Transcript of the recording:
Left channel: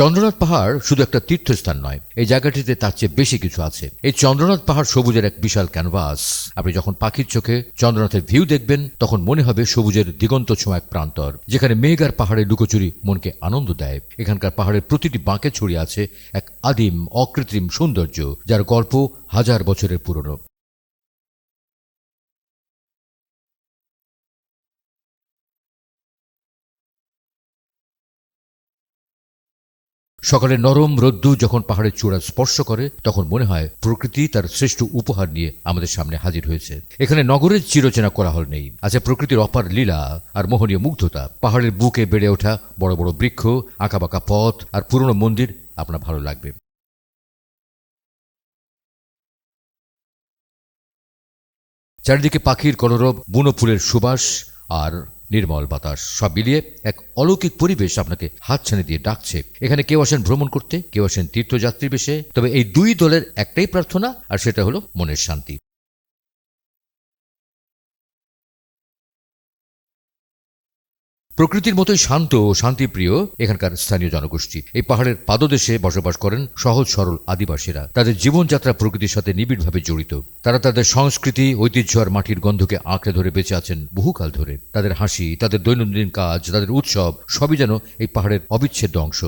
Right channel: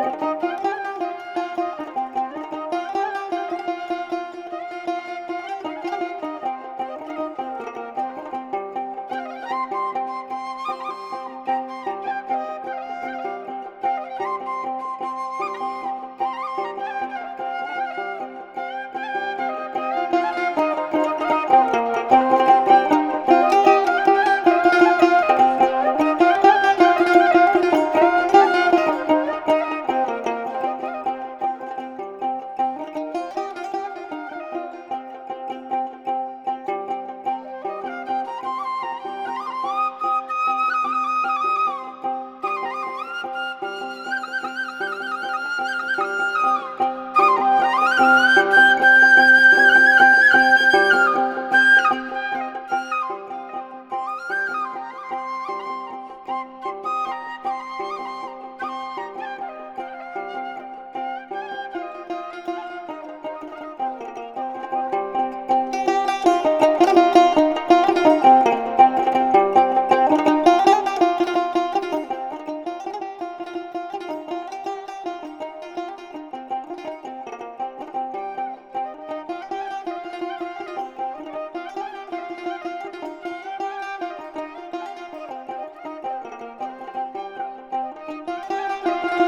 চন্দ্রনাথ পাহাড় শুধু একটা তীর্থস্থান নয়, এই জায়গাটিতে তার চেয়ে বেশি কিছু আছে। এই চন্দ্রনাথ পাহাড় সবুজের এক বিশাল ক্যানভাস আপনি যখন পাখির চোখে চন্দ্রনাথের ভিউ দেখবেন, তখন মনে হবে সবুজের দিগন্ত ছোঁয়া এক প্রান্তর, যেখানে মেঘ আর পাহাড়ের লুকোচুরি মনকে আনন্দ দেয়। এখানকার পাহাড়ের প্রতিটি বাঁকে ছড়িয়ে আছে এক আদিম, অকৃত্রিম সৌন্দর্য, যার গল্প হাজার বছরের পুরনো। সকালে নরম রোদ্দু যখন পাহাড়ের চূড়া স্পর্শ করে, তখন মনে হয় প্রকৃতি তার শ্রেষ্ঠ উপহার নিয়ে আমাদের সামনে হাজির হয়েছে। এখানে নগরের চিরচেনা করা কোলাহল নেই। আছে প্রকৃতির অপার লীলা আর মোহনীয় মুগ্ধতা। পাহাড়ের বুকে বেড়ে ওঠা বড় বড় বৃক্ষ, আঁকাবাঁকা পথ আর পুরনো মন্দির আপনার ভালো লাগবে। চারিদিকে পাখির কলরব, বুনো ফুলের সুবাস আর নির্মল বাতাস, সব মিলিয়ে এক অলৌকিক পরিবেশ আপনাকে হাতছানি দিয়ে ডাকছে। এখানে কেউ আসেন ভ্রমণ করতে, কেউ আসেন তীর্থযাত্রী বেশে। তবে এই দুই দলের একটাই প্রার্থনা, আর সেটা হলো মনের শান্তি। প্রকৃতির মতোই শান্ত ও শান্তিপ্রিয় এখানকার স্থানীয় জনগোষ্ঠী। এই পাহাড়ের পাদদেশে বসবাস করেন সহজ সরল আদিবাসীরা। তাদের জীবনযাত্রা প্রকৃতির সাথে নিবিড়ভাবে জড়িত। তারা তাদের সংস্কৃতি, ঐতিহ্য আর মাটির গন্ধকে আঁকড়ে ধরে বেঁচে আছেন বহুকাল ধরে। তাদের হাসি, তাদের দৈনন্দিন কাজ, তাদের উৎসব সবই যেন এই পাহাড়ের অবিচ্ছেদ্য অংশ।